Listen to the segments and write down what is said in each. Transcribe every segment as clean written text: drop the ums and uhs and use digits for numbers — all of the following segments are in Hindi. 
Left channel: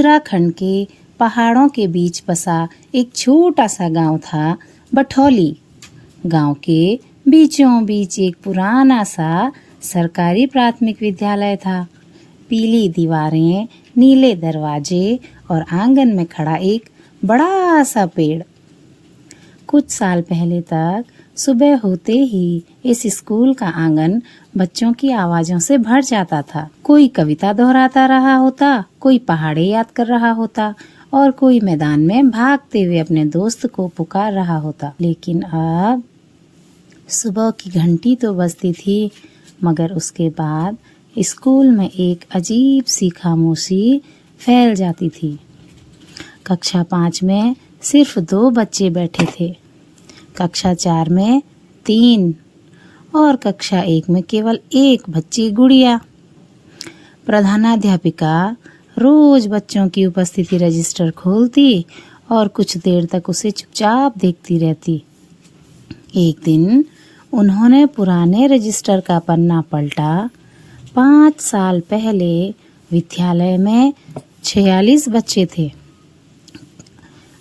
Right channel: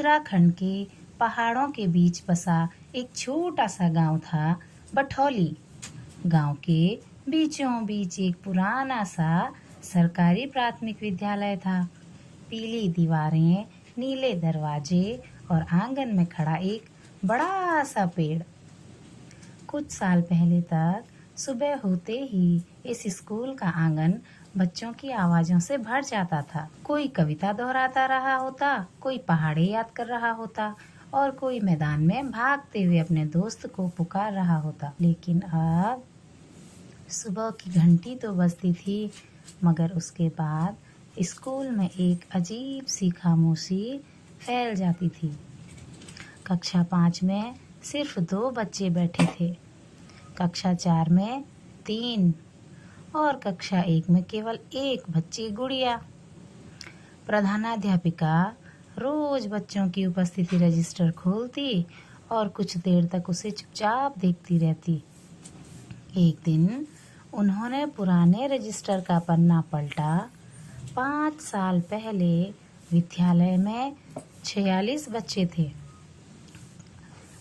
उत्तराखंड के पहाड़ों के बीच बसा एक छोटा सा गांव था बठौली। गांव के बीचों बीच एक पुराना सा सरकारी प्राथमिक विद्यालय था। पीली दीवारें, नीले दरवाजे और आंगन में खड़ा एक बड़ा सा पेड़। कुछ साल पहले तक सुबह होते ही इस स्कूल का आंगन बच्चों की आवाजों से भर जाता था। कोई कविता दोहराता रहा होता, कोई पहाड़े याद कर रहा होता और कोई मैदान में भागते हुए अपने दोस्त को पुकार रहा होता। लेकिन अब सुबह की घंटी तो बजती थी, मगर उसके बाद स्कूल में एक अजीब सी खामोशी फैल जाती थी। कक्षा 5 में सिर्फ 2 बच्चे बैठे थे, कक्षा 4 में 3 और कक्षा 1 में केवल 1 बच्ची गुड़िया। प्रधानाध्यापिका रोज बच्चों की उपस्थिति रजिस्टर खोलती और कुछ देर तक उसे चुपचाप देखती रहती। एक दिन उन्होंने पुराने रजिस्टर का पन्ना पलटा। 5 साल पहले विद्यालय में 46 बच्चे थे,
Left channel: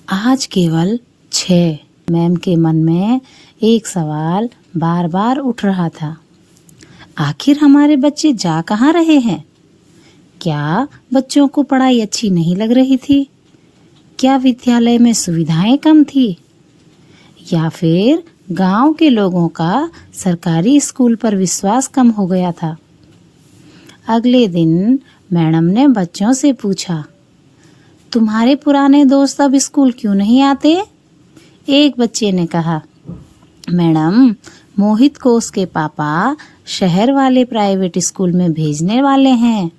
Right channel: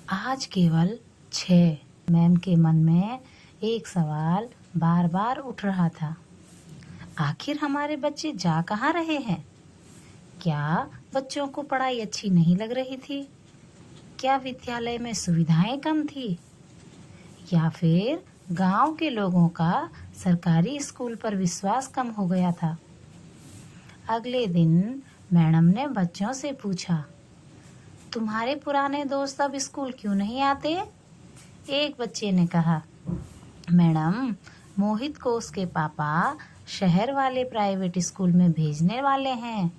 आज केवल 6। मैम के मन में एक सवाल बार बार उठ रहा था, आखिर हमारे बच्चे जा कहाँ रहे हैं? क्या बच्चों को पढ़ाई अच्छी नहीं लग रही थी? क्या विद्यालय में सुविधाएं कम थी? या फिर गांव के लोगों का सरकारी स्कूल पर विश्वास कम हो गया था? अगले दिन मैडम ने बच्चों से पूछा, तुम्हारे पुराने दोस्त अब स्कूल क्यों नहीं आते? एक बच्चे ने कहा, मैडम, मोहित को उसके पापा शहर वाले प्राइवेट स्कूल में भेजने वाले हैं।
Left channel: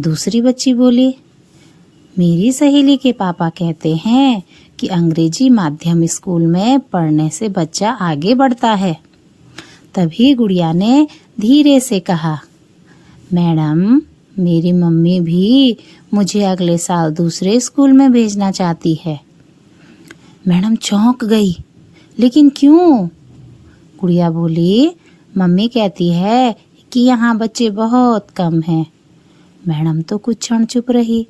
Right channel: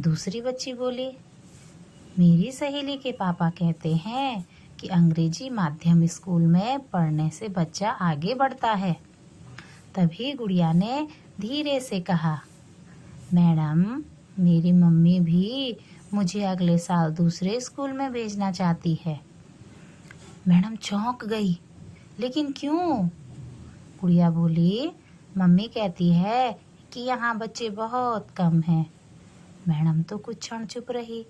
दूसरी बच्ची बोली, मेरी सहेली के पापा कहते हैं कि अंग्रेजी माध्यम स्कूल में पढ़ने से बच्चा आगे बढ़ता है। तभी गुड़िया ने धीरे से कहा, मैडम, मेरी मम्मी भी मुझे अगले साल दूसरे स्कूल में भेजना चाहती है। मैडम चौंक गई, लेकिन क्यों? गुड़िया बोली, मम्मी कहती है कि यहाँ बच्चे बहुत कम हैं। मैडम तो कुछ क्षण चुप रही।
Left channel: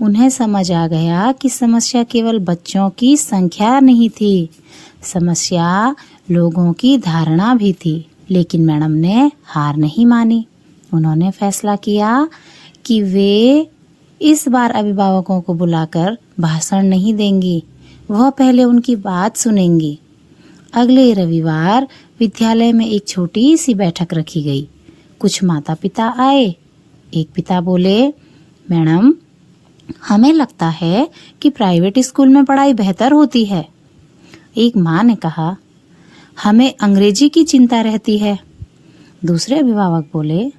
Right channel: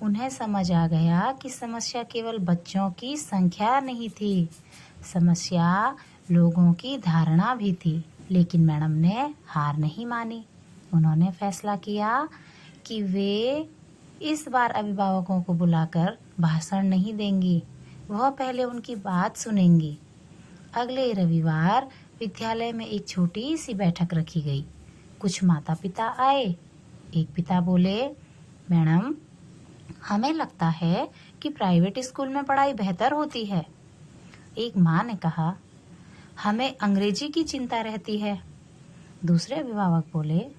उन्हें समझ आ गया कि समस्या केवल बच्चों की संख्या नहीं थी, समस्या लोगों की धारणा भी थी। लेकिन मैडम ने हार नहीं मानी। उन्होंने फैसला किया कि वे इस बार अभिभावकों को बुलाकर भाषण नहीं देंगी, वह पहले उनकी बात सुनेंगी। अगले रविवार विद्यालय में एक छोटी सी बैठक रखी गई। कुछ माता पिता आए। एक पिता बोले, मैडम, हमें लगता है कि प्राइवेट स्कूल में पढ़ाई बेहतर होती है। एक माँ ने कहा, हमें अंग्रेजी की चिंता रहती है। दूसरे अभिभावक बोले,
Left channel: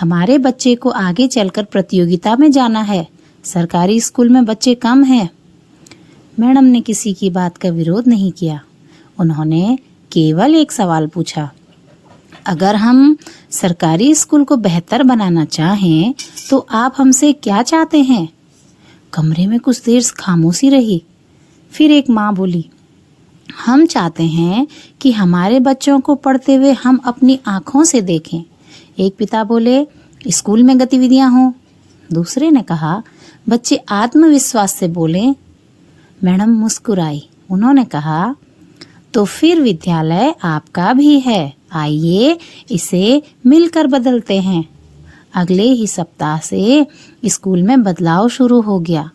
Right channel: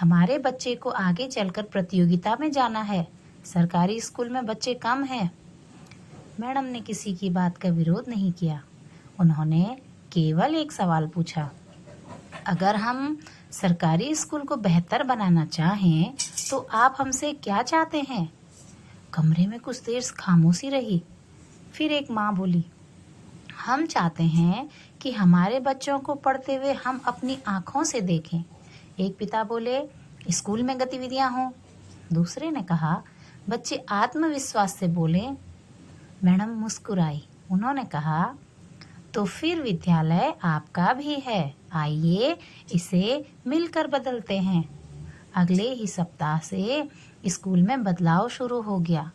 हमारे बच्चे को आगे चलकर प्रतियोगिता में जाना है, सरकारी स्कूल में बच्चे कम हैं। मैडम ने किसी की बात का विरोध नहीं किया। उन्होंने केवल एक सवाल पूछा, अगर हम सरकारी स्कूल को बेहतर बनाना चाहें तो आप हमसे क्या चाहते हैं? कमरे में कुछ देर खामोशी रही। फिर एक माँ बोली, हम चाहते हैं कि हमारे बच्चों को पढ़ते हुए हम अपनी आँखों से देखें। एक पिता बोले, स्कूल में गतिविधियां हों। दूसरे ने कहा, बच्चे आत्मविश्वास से बोलें। मैडम मुस्कुराई। उन्होंने कहा, तो फिर विद्यालय आपका भी है, आइए इसे मिलकर बदलते हैं। अगले ही सप्ताह से स्कूल में बदलाव शुरू हो गया।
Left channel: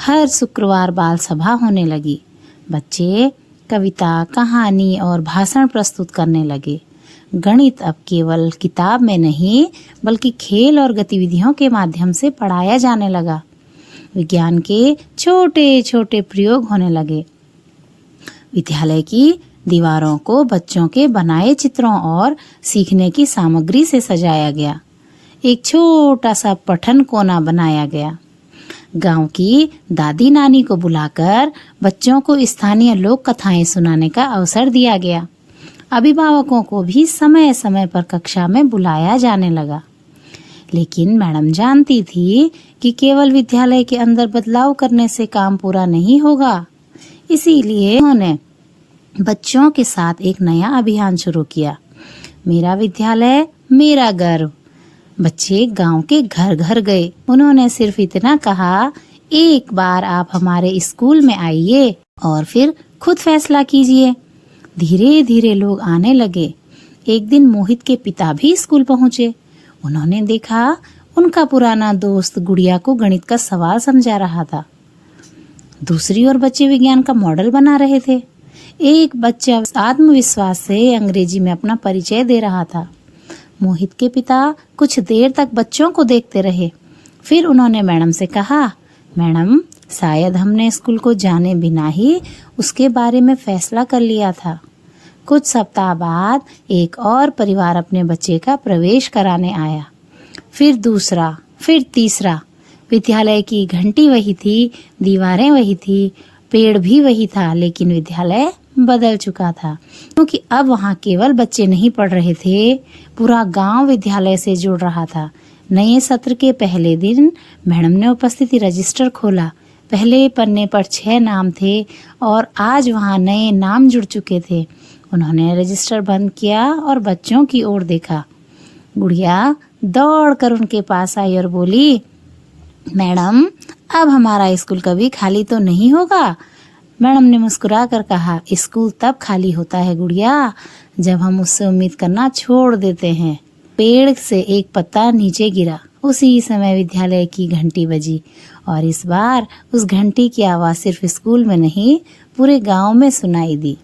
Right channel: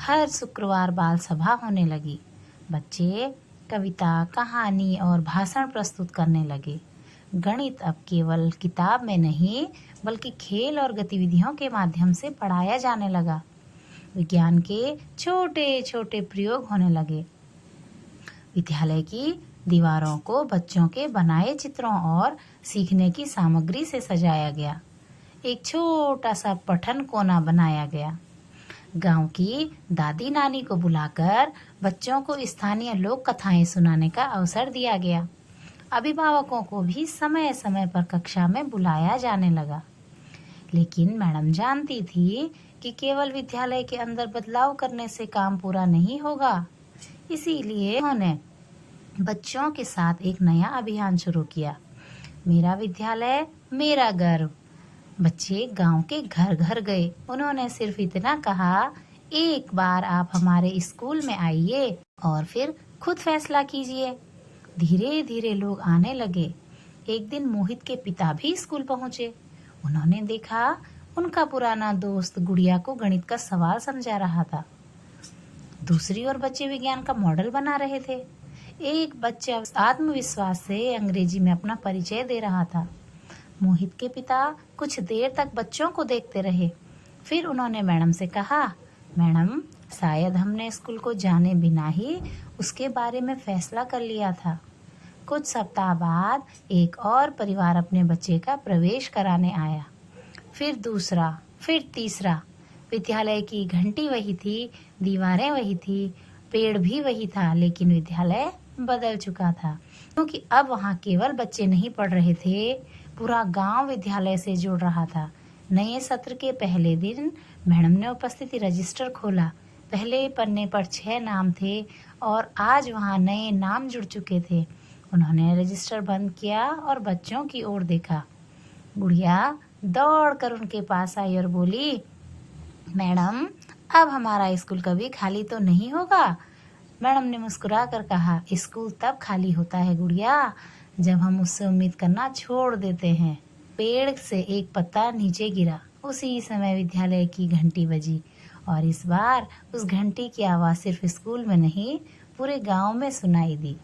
हर शुक्रवार बाल सभा होने लगी। बच्चे कविता, कहानी और भाषण प्रस्तुत करने लगे। गणित अब केवल किताब में नहीं, बल्कि खेल और गतिविधियों के माध्यम से पढ़ाया जाने लगा। विज्ञान के छोटे छोटे प्रयोग होने लगे। विद्यालय की दीवारों को बच्चों के बनाए चित्रों और सीखने की सामग्री से सजाया गया। एक छोटा सा पठन कोना बनाया गया। गांव की दादी नानी को बुलाकर बच्चों को स्थानीय लोक कथाएं सुनाने का अवसर दिया गया। अभिभावकों को भी समय समय पर कक्षा में बुलाया जाने लगा। लेकिन मैडम जानती थी कि केवल विद्यालय के अंदर बदलाव करने से काम पूरा नहीं होगा। इसीलिए उन्होंने बच्चों के साथ एक नया अभियान शुरू किया, मेरा विद्यालय मेरा गर्व। बच्चे गांव के घर घर गए। उन्होंने सिर्फ इतना कहा, एक बार आप हमारे स्कूल में आइए और फिर खुद फैसला कीजिए। धीरे धीरे लोग आने लगे। एक दिन मोहित के पिता भी स्कूल पहुंचे। उन्होंने देखा उनका पुराना दोस्त गुड़िया को गणित का सवाल समझा रहा था। दूसरी ओर बच्चे विज्ञान का मॉडल बना रहे थे। एक बच्चा आत्मविश्वास से अंग्रेजी में अपना परिचय दे रहा था। मोहित के पिता कुछ देर तक बच्चों को देखते रहे। फिर उन्होंने मैडम से कहा, मैडम, शायद हमने स्कूल को जाने बिना ही उसके बारे में फैसला कर लिया था। कुछ सप्ताह बाद एक और परिवार अपने बच्चे का प्रवेश कराने आया। फिर दूसरा, फिर तीसरा। विद्यालय की घंटी वही थी, दीवारें वही थी, पेड़ भी वही था, लेकिन विद्यालय बदल चुका था, क्योंकि अब वहाँ केवल बच्चे नहीं पढ़ रहे थे, पूरा गांव विद्यालय से जुड़ रहा था। नए सत्र के पहले दिन मैडम ने उपस्थिति रजिस्टर खोला। पहले पन्ने पर 6 नाम थे और आज वहाँ नए नाम जुड़ चुके थे। उन्होंने रजिस्टर बंद किया और बच्चों की ओर देखा। गुड़िया दौड़कर उनके पास आई और बोली, मैडम, अब हमारा स्कूल कभी खाली तो नहीं होगा? मैडम ने मुस्कुरा कर कहा, स्कूल तब खाली होता है गुड़िया, जब हम उससे उम्मीद करना छोड़ देते हैं। पेड़ से एक पत्ता नीचे गिरा। उसी समय विद्यालय की घंटी बजी और इस बार उस घंटी की आवाज़ सिर्फ स्कूल में नहीं, पूरे गांव में सुनाई दी।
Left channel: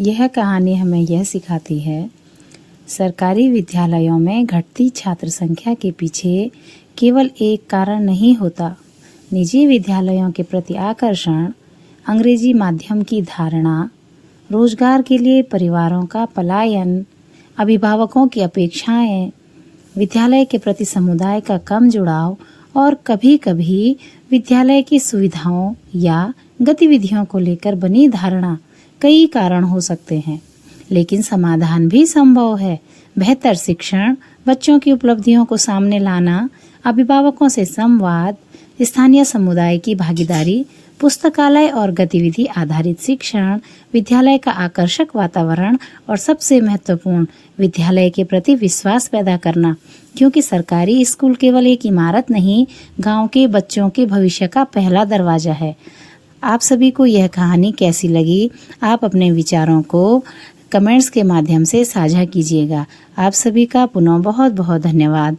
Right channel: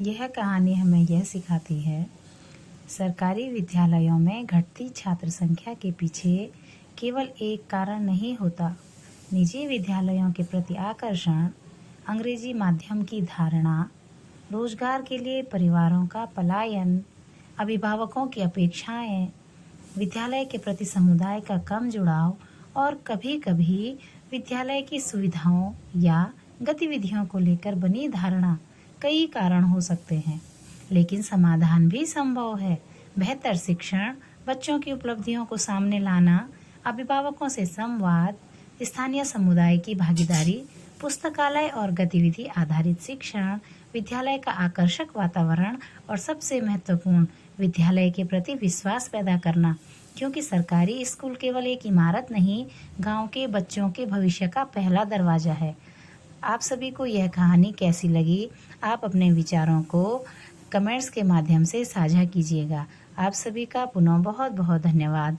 यह कहानी हमें यह सिखाती है, सरकारी विद्यालयों में घटती छात्र संख्या के पीछे केवल एक कारण नहीं होता। निजी विद्यालयों के प्रति आकर्षण, अंग्रेजी माध्यम की धारणा, रोजगार के लिए परिवारों का पलायन, अभिभावकों की अपेक्षाएं, विद्यालय के प्रति समुदाय का कम जुड़ाव और कभी-कभी विद्यालय की सुविधाओं या गतिविधियों को लेकर बनी धारणा, कई कारण हो सकते हैं। लेकिन समाधान भी संभव है। बेहतर शिक्षण, बच्चों की उपलब्धियों को सामने लाना, अभिभावकों से संवाद, स्थानीय समुदाय की भागीदारी, पुस्तकालय और गतिविधि आधारित शिक्षण, विद्यालय का आकर्षक वातावरण और सबसे महत्वपूर्ण, विद्यालय के प्रति विश्वास पैदा करना, क्योंकि सरकारी स्कूल केवल एक इमारत नहीं, गांव के बच्चों के भविष्य का पहला दरवाजा है। आप सभी को यह कहानी कैसी लगी? आप अपने विचारों को कमेंट्स के माध्यम से साझा कीजिएगा। आप सभी का पुनः बहुत बहुत धन्यवाद।